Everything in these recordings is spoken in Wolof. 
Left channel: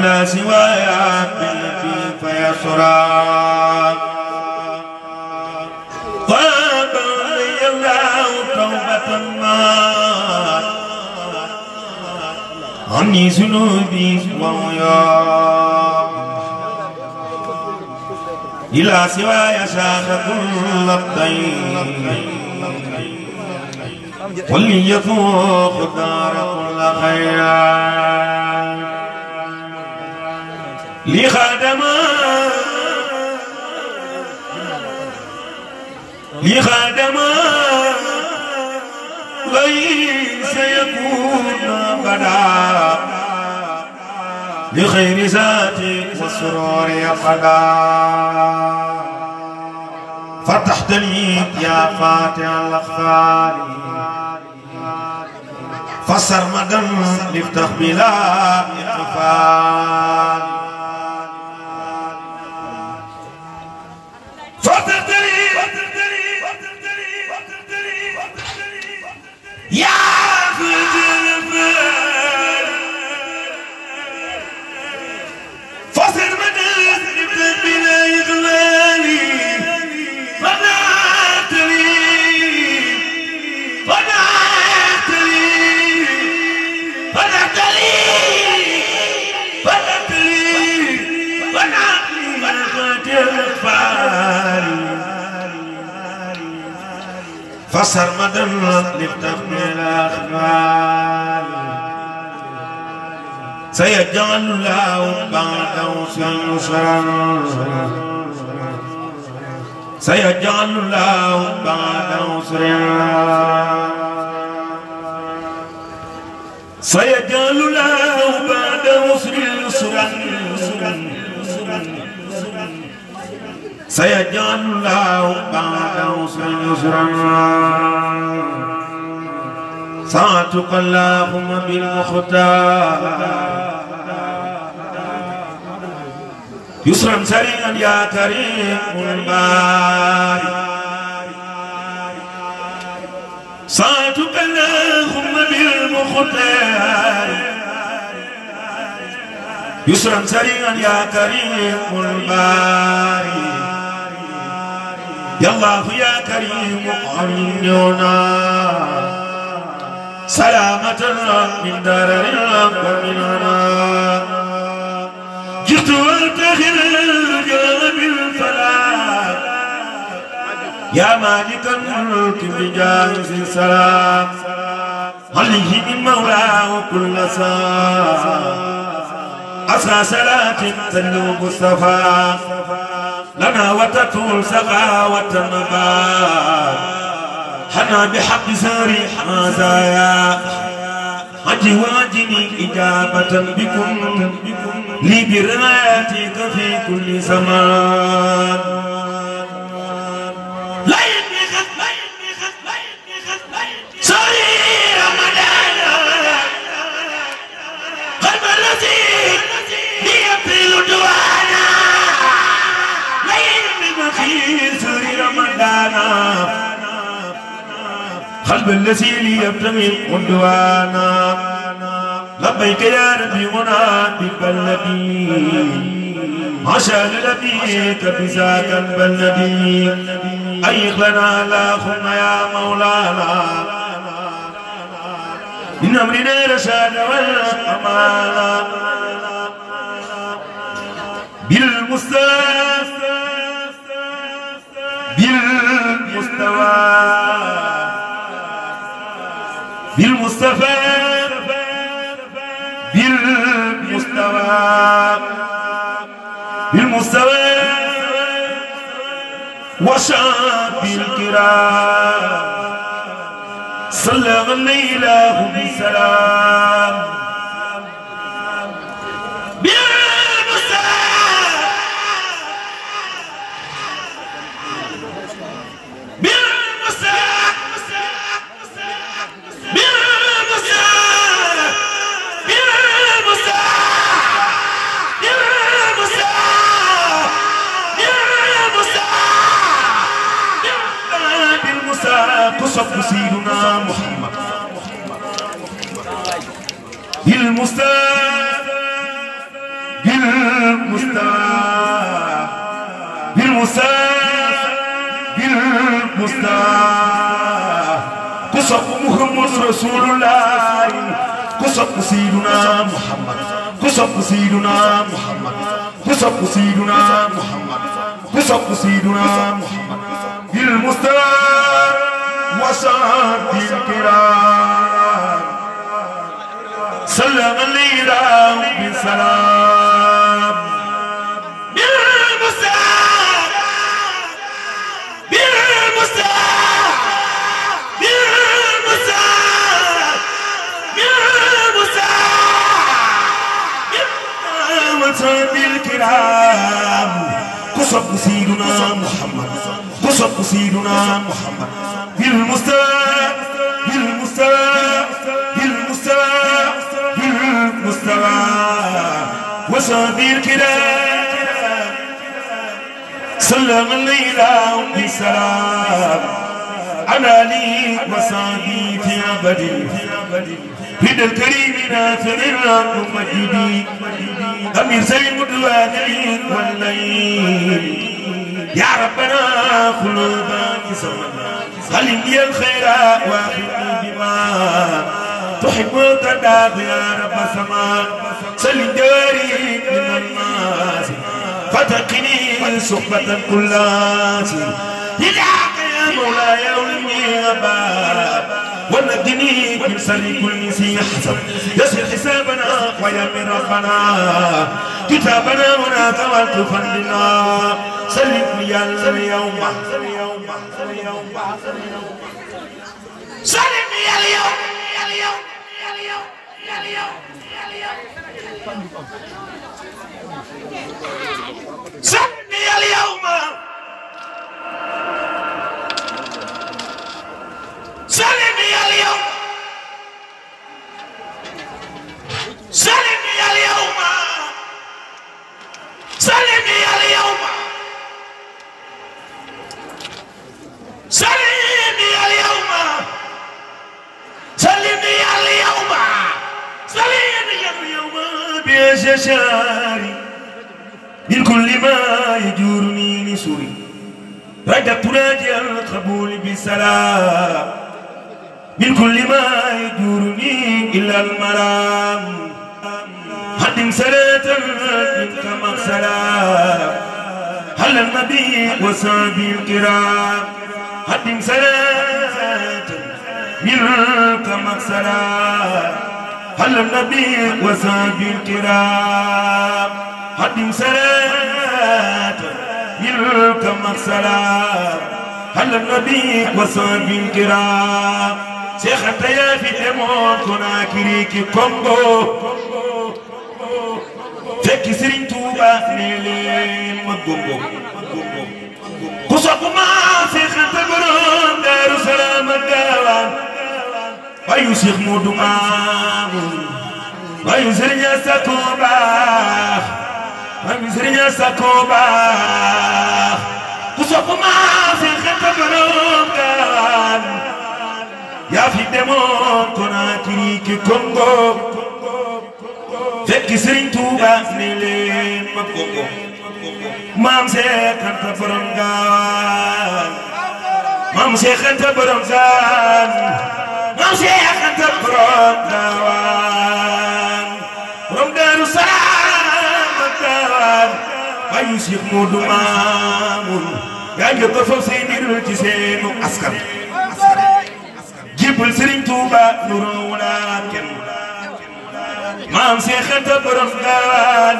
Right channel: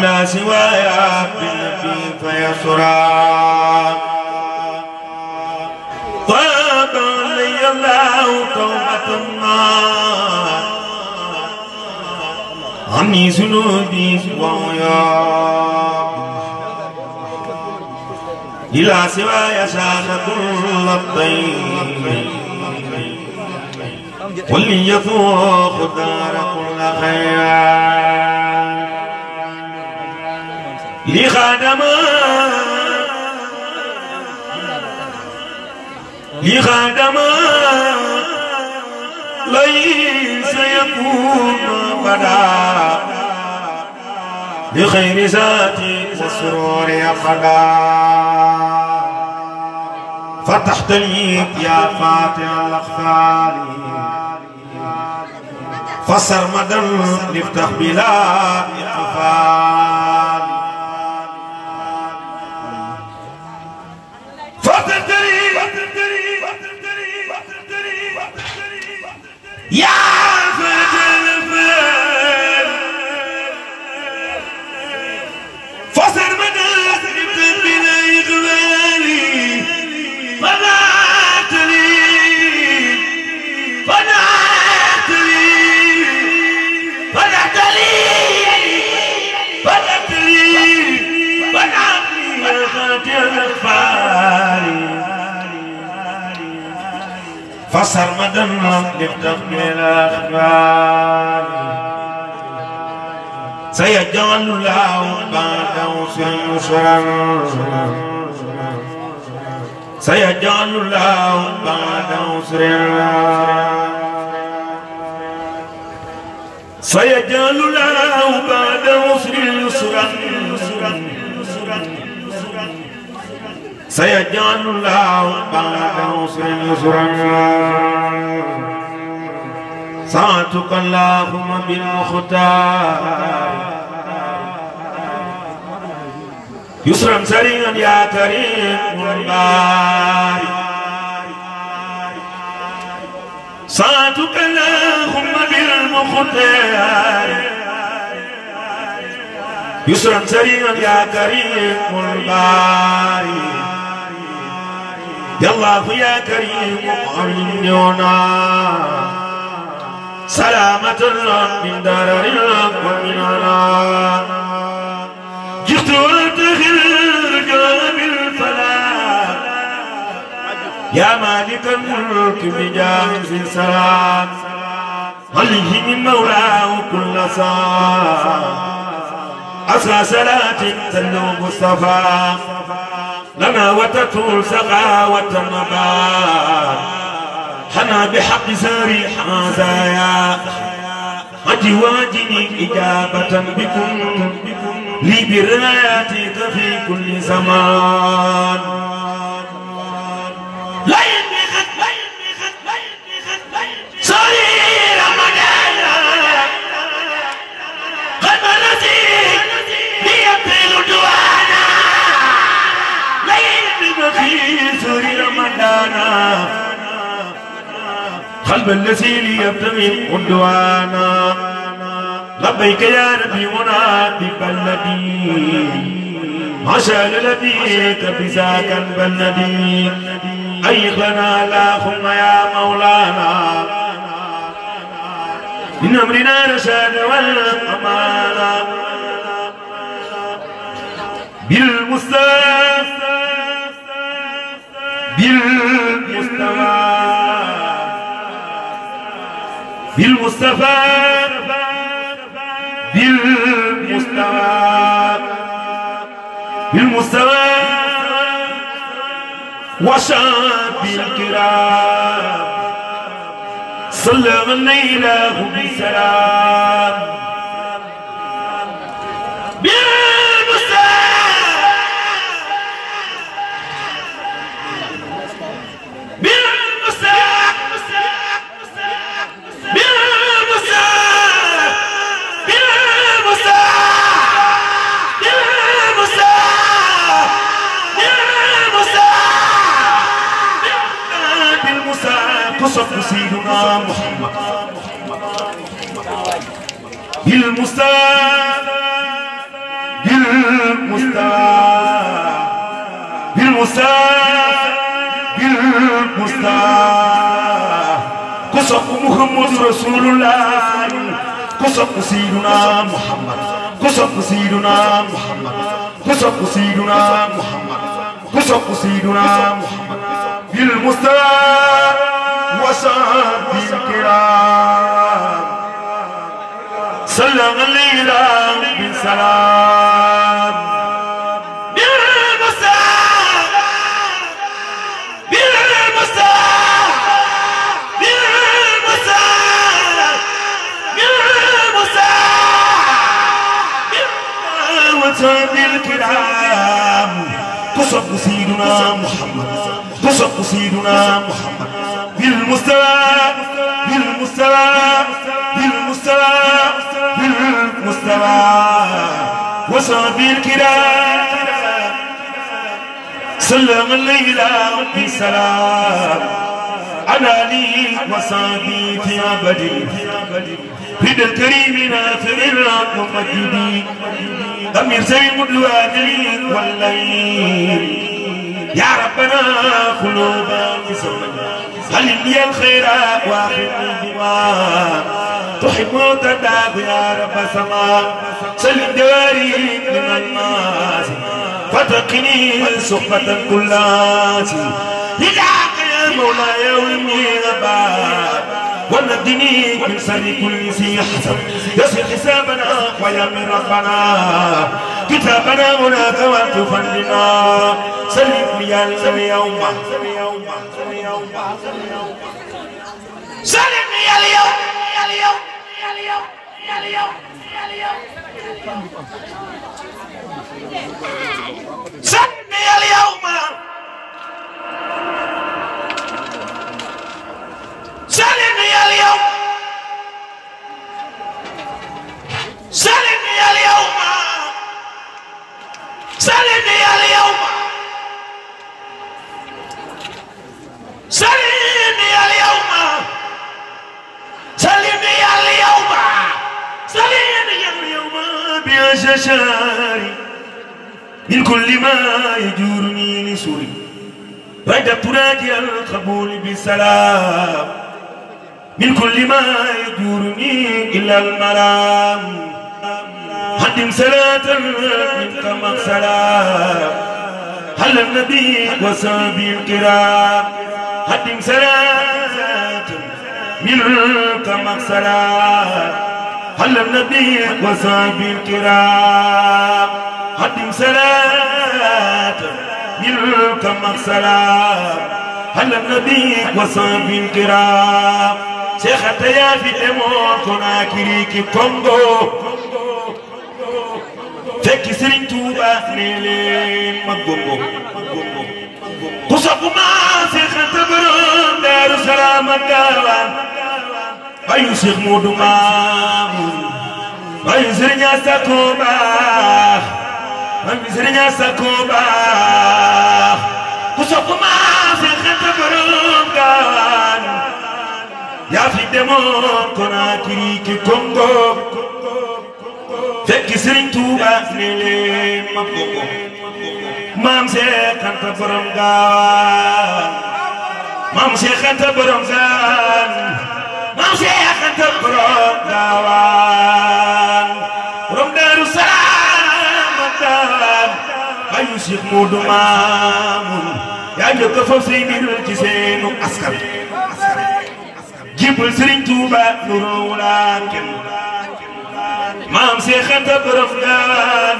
على سواي بالنبي فيسرى طاب لي الله توبة ما عني ذنوبي وعيا إلى سواي شاخ كل الطيب واللي يفوق دار كل خير لي خادما ليس يكون بدا بخير ذاتي والسرور يقدا فتحت لي يا فاتح الأخفال فسرمدا لفتح بلا اقفال يا فسر مدد بلا إغلالي فنعت فسرمدا لفتح بالأخبار سيجعل الله بعد عسر يسرا سيجعل الله بعد عسر سيجعل الله بعد عسر يسرا سيجعل الله بعد عسر يسرا ساعتك اللهم بالمختار يسرا سريعا يا كريم الباري ساعتك اللهم بالمختار يسرا سريعا يا كريم الباري يا الله يا كريم أمننا سلامة من درر ومننا جئت وانتهي الجواب الفلاح يا مالك الملك بجاهز السلام عليه من مولاه كل ساعة أسرى صلاة تلو مصطفى لنا وتطول سخاوة النبات حنا بحق ساري مزايا أجواجني إجابة بكم لي برعايتك في كل زمان لا ساري رمضان قلب الذي ليبطل دوانا لا في ساري رمضان قلب الذي ليبتغي عدوانا لبيك يا ربي ونبيك النبي عشان لبيك بذاك النبي أيق لنا اللهم يا مولانا من أمرنا رشاد والأمانة بالمصطفى وشاب الكرام صلى الليله بسلام تصب سيدنا محمد بالمصطفى كسب محمد رسول الله كسب سيدنا محمد كسب سيدنا محمد كسب سيدنا محمد كسب سيدنا محمد بالمصطفى وصحبه الكرام صلى علينا بالسلام الكرام قصب سيدنا محمد قصب سيدنا محمد بالمستوى بالمستوى بالمستوى بالمستوى وصب الكرام صلى الليلة بسلام على لي وصابي في أبدي بيد الكريم نافع ومجدي أمير سيد الوادي والليل يا ربنا قلوبا بزمن خلني الخير واخذني بما تحب تداغ يا رب السماء سلم داري من الناس فتقني صحبة كل ناس لذاك يا مولاي يومي أبا ونجني من شر كل ذي حسب يسر حسابنا ويامن ربنا كتابنا هناك والتفننا سلم لي اليوم سلم لي اليوم سلم لي اليوم سلمني اليوم سلمني اليوم سلمني اليوم سلمني اليوم سلمني اليوم سلمني اليوم بأشجاري من كل ما يجورني لسوري رجبت راجع القبول بالسلام من كل ما يجورني إلا الملام هدم صلاة منك مغسلام هل النبي وصحبه الكرام هدم صلاة منك مغسلام هل النبي وصحبه الكرام هدم صلاة منك مغسلام هل النبي وصحبه الكرام شيخ تيا في امون كنا كريكي كونغو فكي سرين توبا نيلين مغونغو كوساكوما شيخ تبرم دار السلام الدوان ايو شيخ مودو مامون ايو سرين ساكوبا ايو سرين ساكوبا كوساكوما شيخ تبرم دار يا في دمون كنا كريكي كونغو فكي سرين توبا نيلين مغونغو مام شيخ انت برمغان مام شيخ انت برمغان مام شيخ انت برمغان رم دار السلام مدان ايو شيخ مودو مامون يا يوكفو سيدي الجسيم اسكر جيبل سرين توبا نورولا كن مام شيخ انت برمغان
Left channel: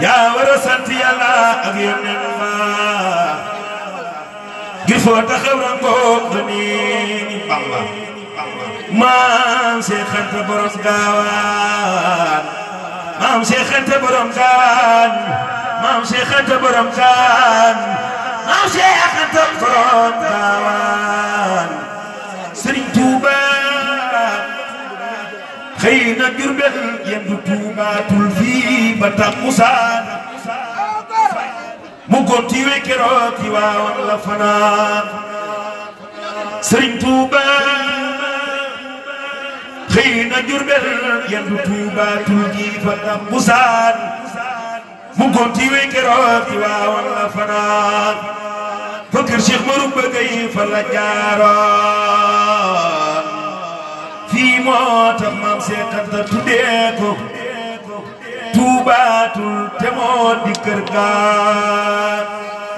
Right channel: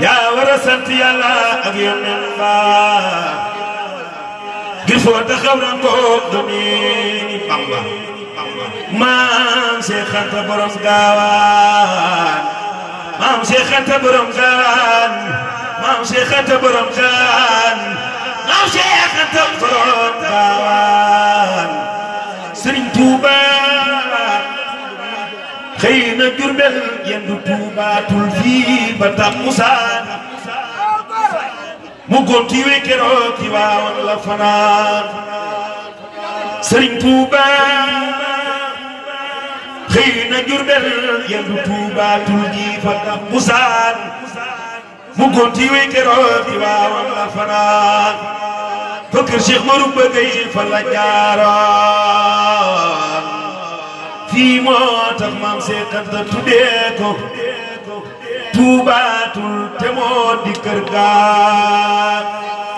يا ورسنت يلا أغير الله قفوا تخورن قدني بامبا مام شيخ انت برمغان مام شيخ انت برمغان مام شيخ انت برمغان مام شيخ انت برمغان سرين توبا خينا جربل يندو توبا تلفي بتا موسى مغونتي ويكروتي ولا فنا سرين توبا xëy na Jurbel yendu Tuuba tul gi fa takkusaan mu gonti wey keroog ci Waawan la fanaan fa kër Cheikh Marouba Gueye fa la jaaroon fii moo tax maam Seex Anta tuddee ko Tuuba tul te moo di kër gaa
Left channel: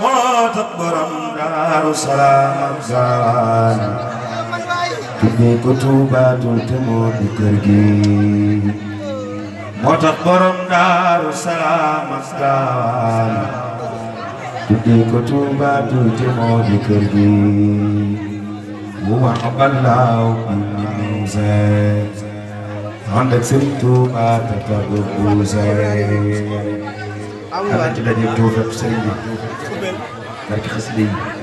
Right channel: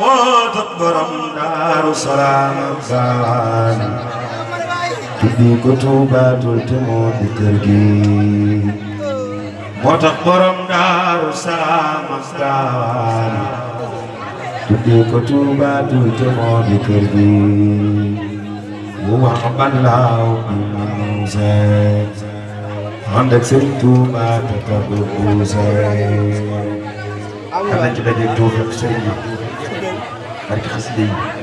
moo tax borom Daaru Salaam Gaawaan tuddee ko Tuuba tul te moo di kër gi moo tax borom Daaru Salaam Gaawaan tuddee ko Tuuba tul te moo di kër gi bu ma balaaw bi mu see ànd ak Sëriñ Tuuba te tagu bu see am na ci daje tuuf ak sëriñ bi barke xasida yi